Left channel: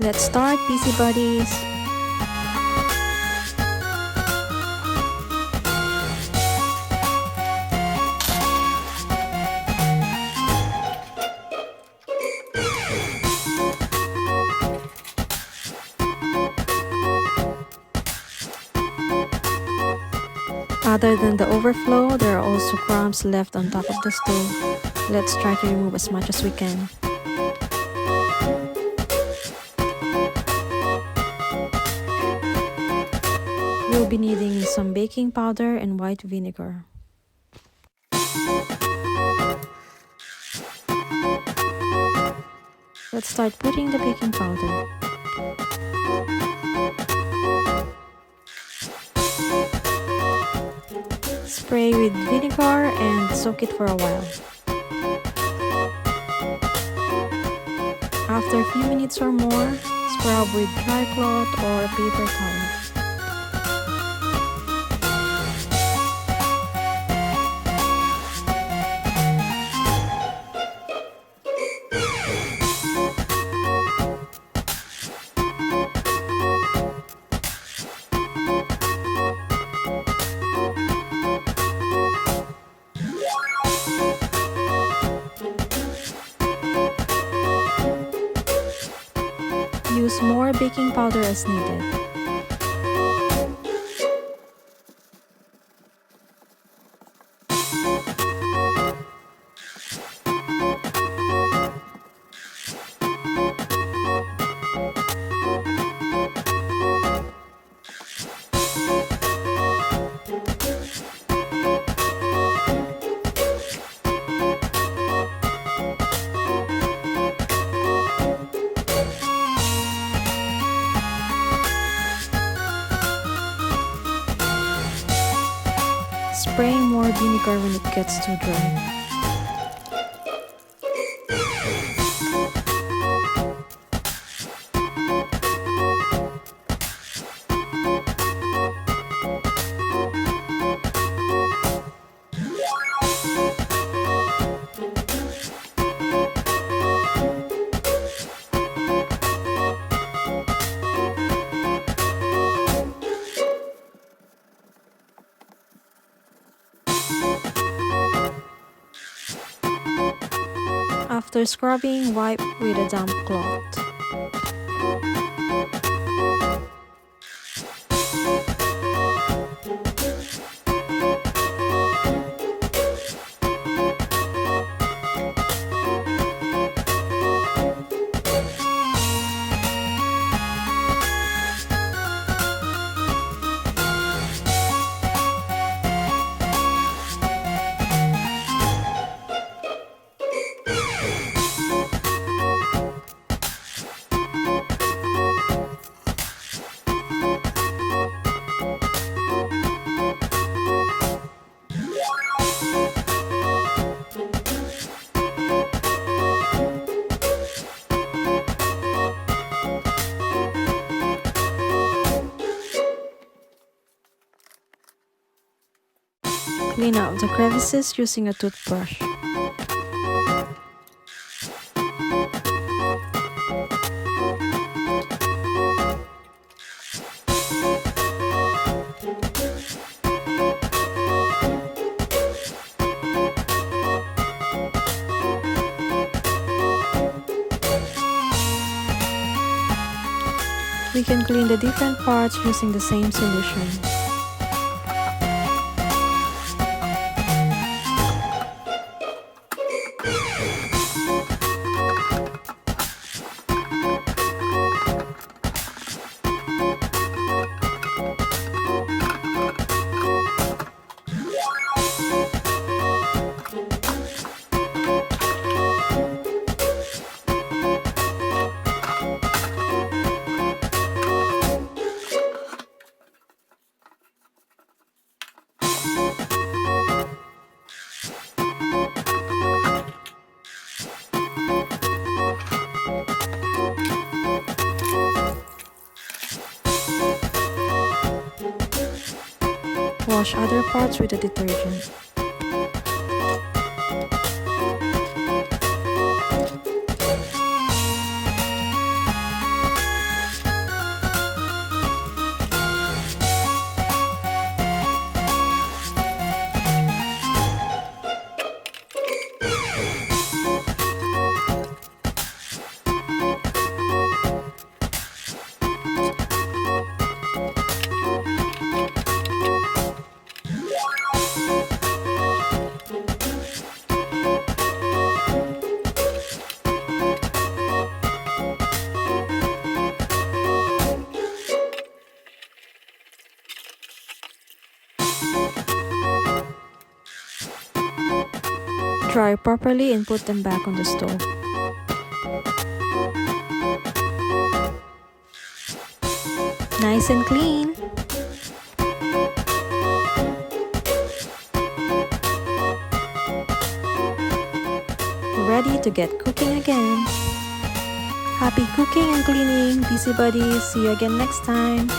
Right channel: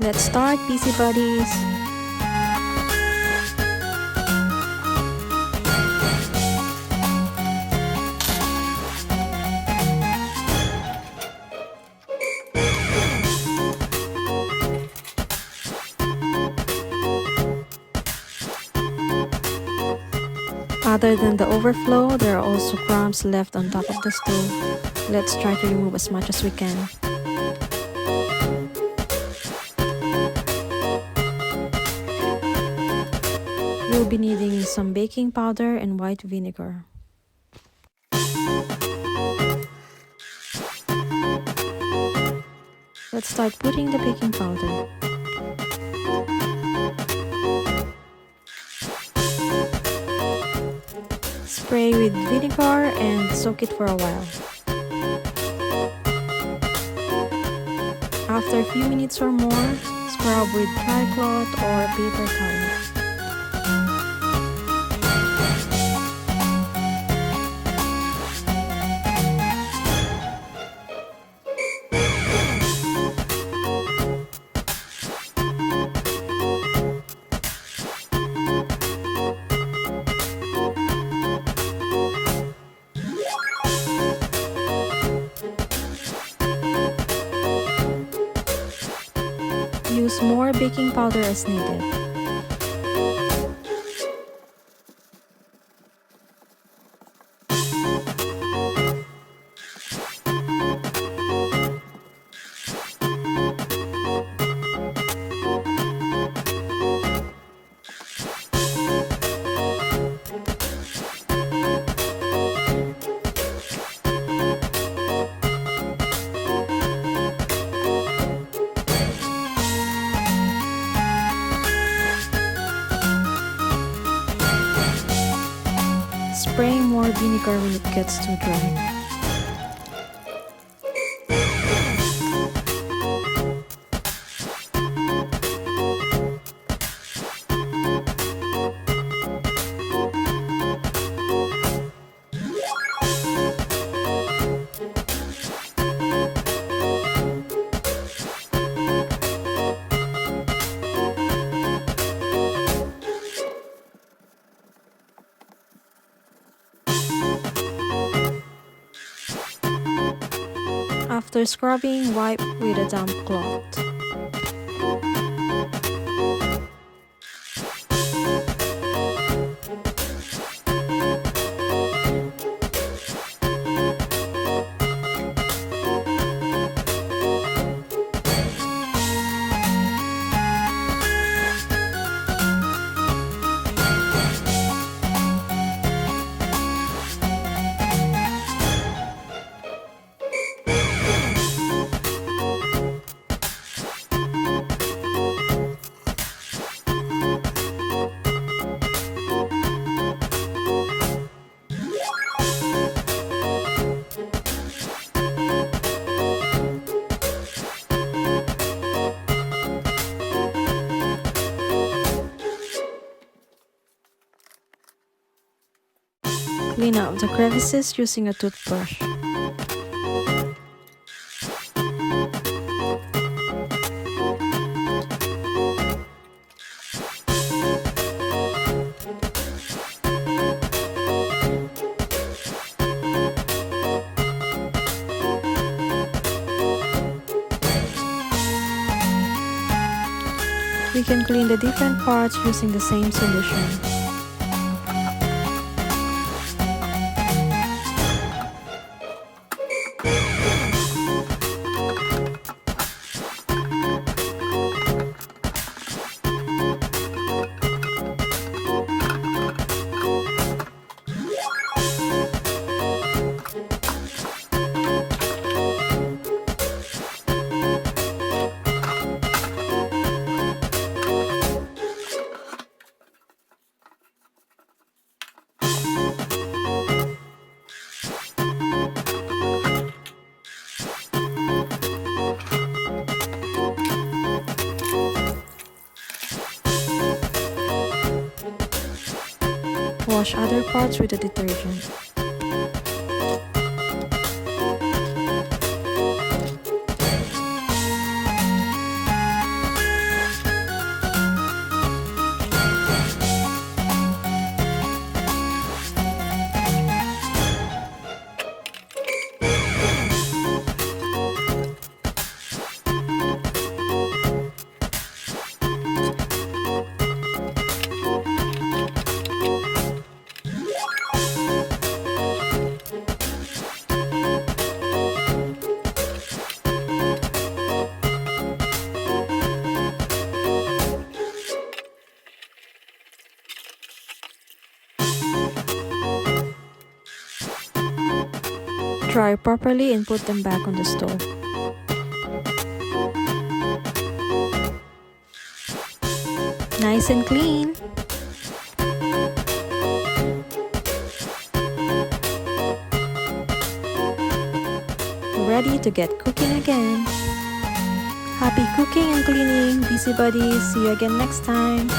Let's start, busybuddies! Other than the overflow, there are also crumbs left on top of the stove. Let's try to remove as much as we can. We'll be needing some baking powder and white vinegar. Let's start putting the baking powder. Spray with vinegar and soak it for a while. After a few minutes or more, scrub with dry cloth or paper towel. Use more baking powder as needed. Spray more vinegar when it gets too dry. After scrubbing, wipe with a damp cloth. Clean out the crevices using a toothbrush. We can clean the different parts using the same solution. Wash other parts with the detergent. Dry properly and put them back on the stove. Nice and clean. Ready to get cooking again. Happy cooking and cleaning, busybuddies. See you again next time.